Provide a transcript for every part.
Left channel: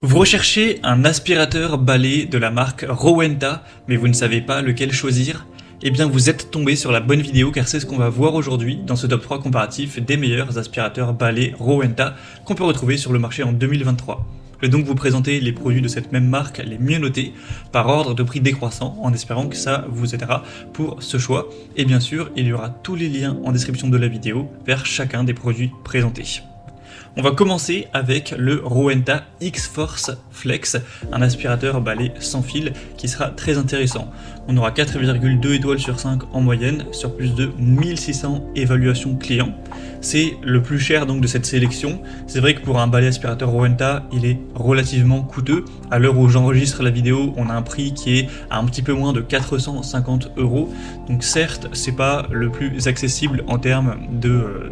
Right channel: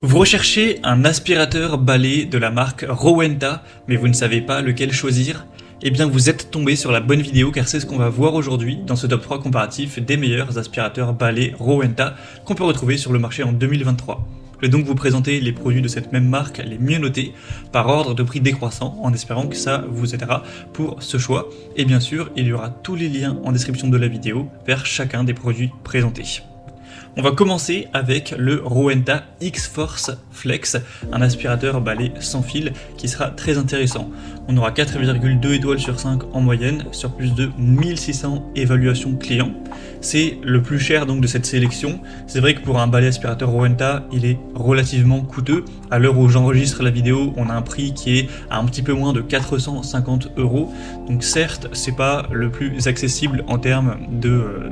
Vous recherchez un aspirateur balai de la marque Rowenta, mais vous ne savez pas lequel choisir? Eh bien, vous êtes tombé sur la bonne vidéo car c'est ce qu'on va voir aujourd'hui dans ce top 3 comparatif des meilleurs aspirateurs balai Rowenta qu'on peut retrouver sur le marché en 2023. Je vais donc vous présenter les produits de cette même marque, les mieux notés, par ordre de prix décroissant, en espérant que ça vous aidera pour ce choix. Et bien sûr, il y aura tous les liens en description de la vidéo vers chacun des produits présentés. On va commencer avec le Rowenta X-Force Flex, un aspirateur balai sans fil qui sera très intéressant. On aura 4,2 étoiles sur 5 en moyenne sur plus de 1600 évaluations clients. C'est le plus cher donc de cette sélection. C'est vrai que pour un balai aspirateur Rowenta, il est relativement coûteux. À l'heure où j'enregistre la vidéo, on a un prix qui est un petit peu moins de 450 €. Donc certes, c'est pas le plus accessible en termes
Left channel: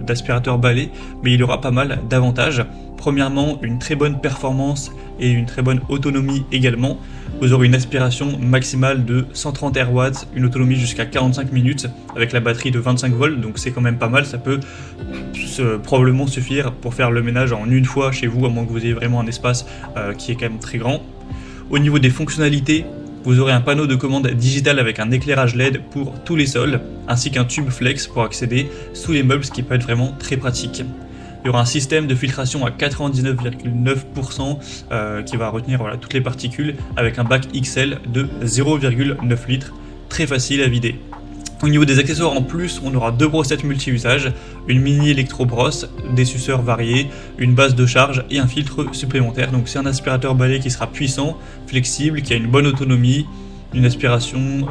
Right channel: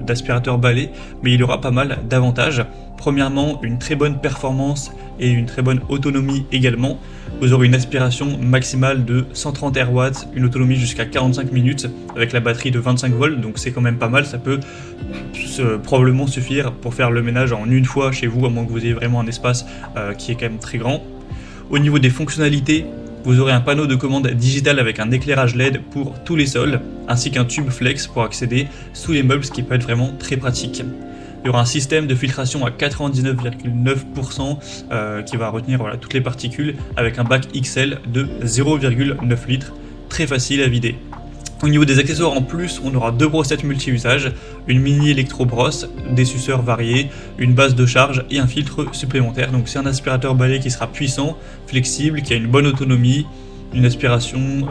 d'aspirateur balai, mais il aura pas mal d'avantages. Premièrement, une très bonne performance et une très bonne autonomie également. Vous aurez une aspiration maximale de 130 RW, une autonomie jusqu'à 45 minutes avec la batterie de 25 volts, donc c'est quand même pas mal. Ça peut probablement suffire pour faire le ménage en une fois chez vous, à moins que vous ayez vraiment un espace qui est quand même très grand. Au niveau des fonctionnalités, vous aurez un panneau de commande digital avec un éclairage LED pour tous les sols, ainsi qu'un tube flex pour accéder sous les meubles, ce qui peut être vraiment très pratique. Il y aura un système de filtration à 99,9% qui va retenir toutes les particules avec un bac XL de 0,9 litres, très facile à vider. Au niveau des accessoires en plus, on aura deux brossettes multi-usages, une mini électro-brosse, des suceurs variés, une base de charge et un filtre supplémentaire. Donc c'est un aspirateur balai qui sera puissant, flexible, qui a une bonne autonomie, une aspiration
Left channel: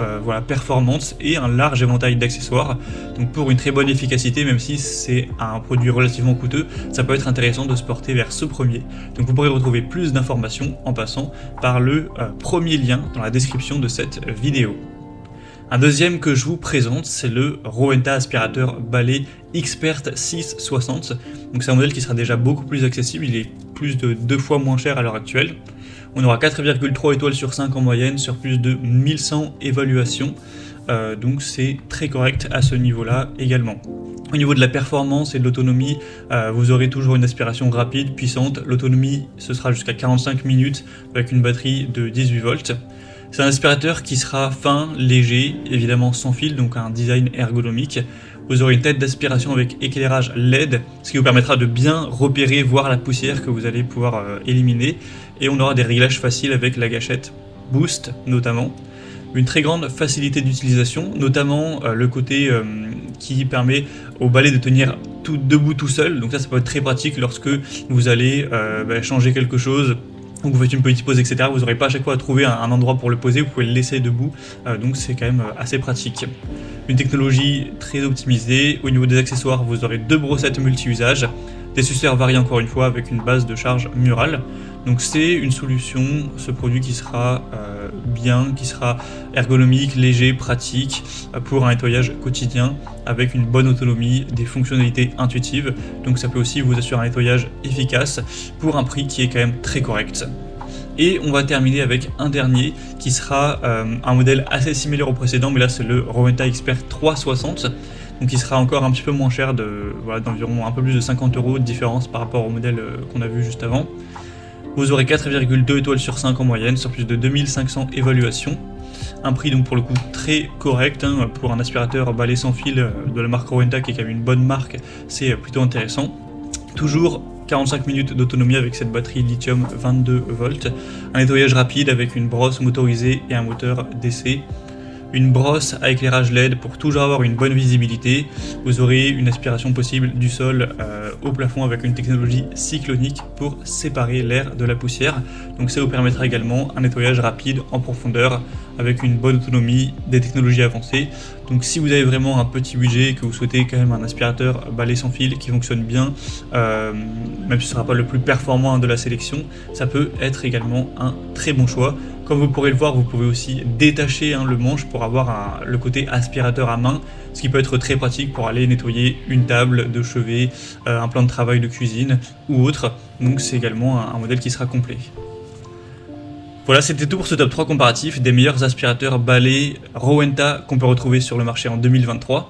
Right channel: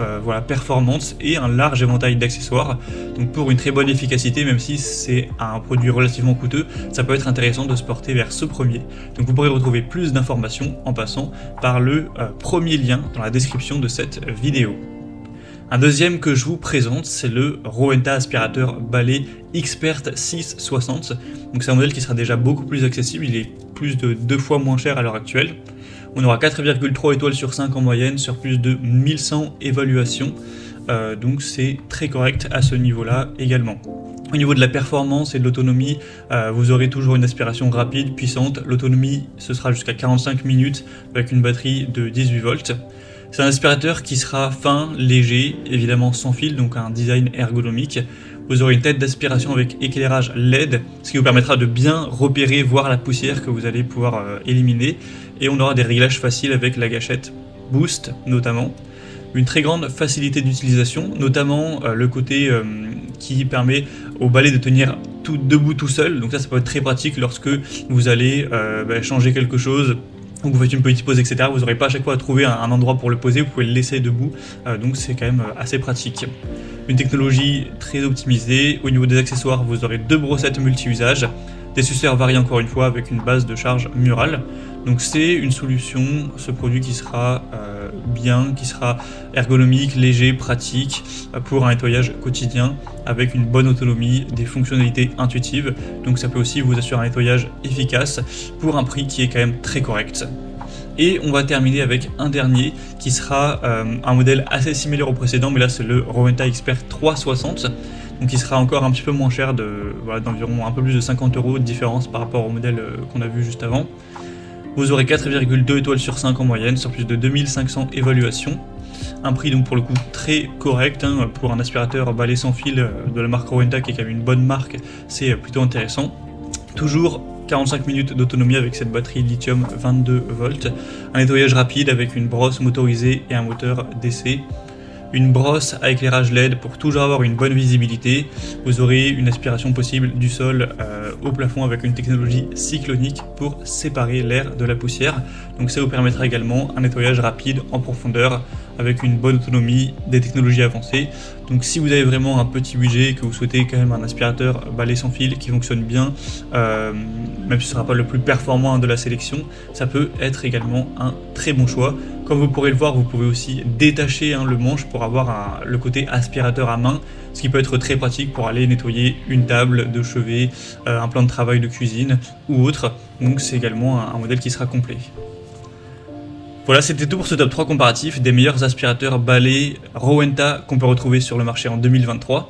performante et un large éventail d'accessoires. Donc pour une très bonne efficacité, même si c'est un produit relativement coûteux, ça peut être intéressant de se porter vers ce premier. Donc vous pourrez retrouver plus d'informations en passant par le premier lien dans la description de cette vidéo. Un deuxième que je vous présente, c'est le Rowenta aspirateur balai Expert 660. Donc c'est un modèle qui sera déjà beaucoup plus accessible, il est plus de 2 fois moins cher à l'heure actuelle. On aura 4,3 étoiles sur 5 en moyenne sur plus de 1100 évaluations. Donc c'est très correct à ce niveau-là également. Au niveau de la performance et de l'autonomie, vous aurez toujours une aspiration rapide, puissante. L'autonomie, ce sera jusqu'à 45 minutes avec une batterie de 18 volts. C'est un aspirateur qui sera fin, léger, évidemment sans fil, donc un design ergonomique. Vous aurez une tête d'aspiration avec éclairage LED, ce qui vous permettra de bien repérer, voir la poussière que vous allez pouvoir éliminer. Et on aura des réglages faciles avec la gâchette Boost notamment. Une très grande facilité d'utilisation, notamment le côté qui permet au balai de tenir tout debout tout seul. Donc ça peut être très pratique lorsque vous allez changer quelque chose. Donc vous faites une petite pause, etc. Vous n'aurez pas à chaque fois à trouver un endroit pour le poser, vous pouvez le laisser debout, donc c'est quand même assez pratique. Une technologie très optimisée. Au niveau des accessoires, vous aurez deux brossettes multi-usages, des suceurs variés encore une fois avec une base de charge murale. Donc c'est une solution, ce produit qui sera bien, qui sera ergonomique, léger, pratique pour un nettoyage quotidien avec une bonne autonomie, des fonctionnalités intuitives. Donc ça peut aussi vous assurer un nettoyage efficace pour un prix qui est quand même très correct. Et on va terminer avec un dernier qui sera un modèle assez similaire au précédent, mais là c'est le Rowenta Expert 360. Donc il sera encore un petit peu moins cher, d'environ un peu plus de 50 € de différence par rapport au modèle qu'on a vu juste avant. Vous aurez 4,2 étoiles sur 5 en moyenne sur plus de 2500 évaluations. Un prix donc pour le coup très correct pour un aspirateur balai sans fil de la marque Rowenta qui est quand même une bonne marque, c'est plutôt intéressant. Toujours 45 minutes d'autonomie avec cette batterie lithium 22 volts, un nettoyage rapide avec une brosse motorisée et un moteur d'essai. Une brosse à éclairage LED pour toujours avoir une bonne visibilité. Vous aurez une aspiration possible du sol au plafond avec une technologie cyclonique pour séparer l'air de la poussière. Donc ça vous permettra également un nettoyage rapide en profondeur avec une bonne autonomie, des technologies avancées. Donc si vous avez vraiment un petit budget et que vous souhaitez quand même un aspirateur balai sans fil qui fonctionne bien, même si ce ne sera pas le plus performant de la sélection, ça peut être également un très bon choix. Comme vous pourrez le voir, vous pouvez aussi détacher le manche pour avoir le côté aspirateur à main, ce qui peut être très pratique pour aller nettoyer une table de chevet, un plan de travail de cuisine ou autre. Donc c'est également un modèle qui sera complet. Voilà, c'était tout pour ce top 3 comparatif des meilleurs aspirateurs balai Rowenta qu'on peut retrouver sur le marché en 2023.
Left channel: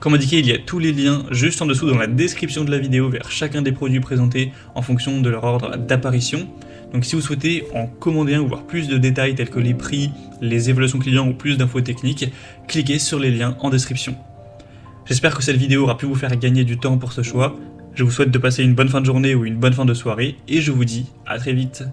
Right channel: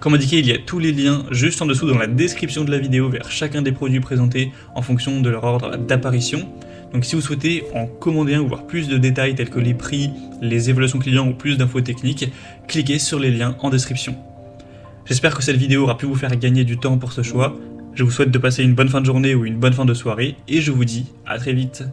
Comme indiqué, il y a tous les liens juste en dessous dans la description de la vidéo vers chacun des produits présentés en fonction de leur ordre d'apparition. Donc si vous souhaitez commander encore plus de détails tels que les prix, les évolutions clients ou plus d'infos techniques, cliquez sur les liens en description. J'espère que cette vidéo aura pu vous faire gagner du temps pour ce choix. Je vous souhaite de passer une bonne fin de journée ou une bonne fin de soirée et je vous dis à très vite.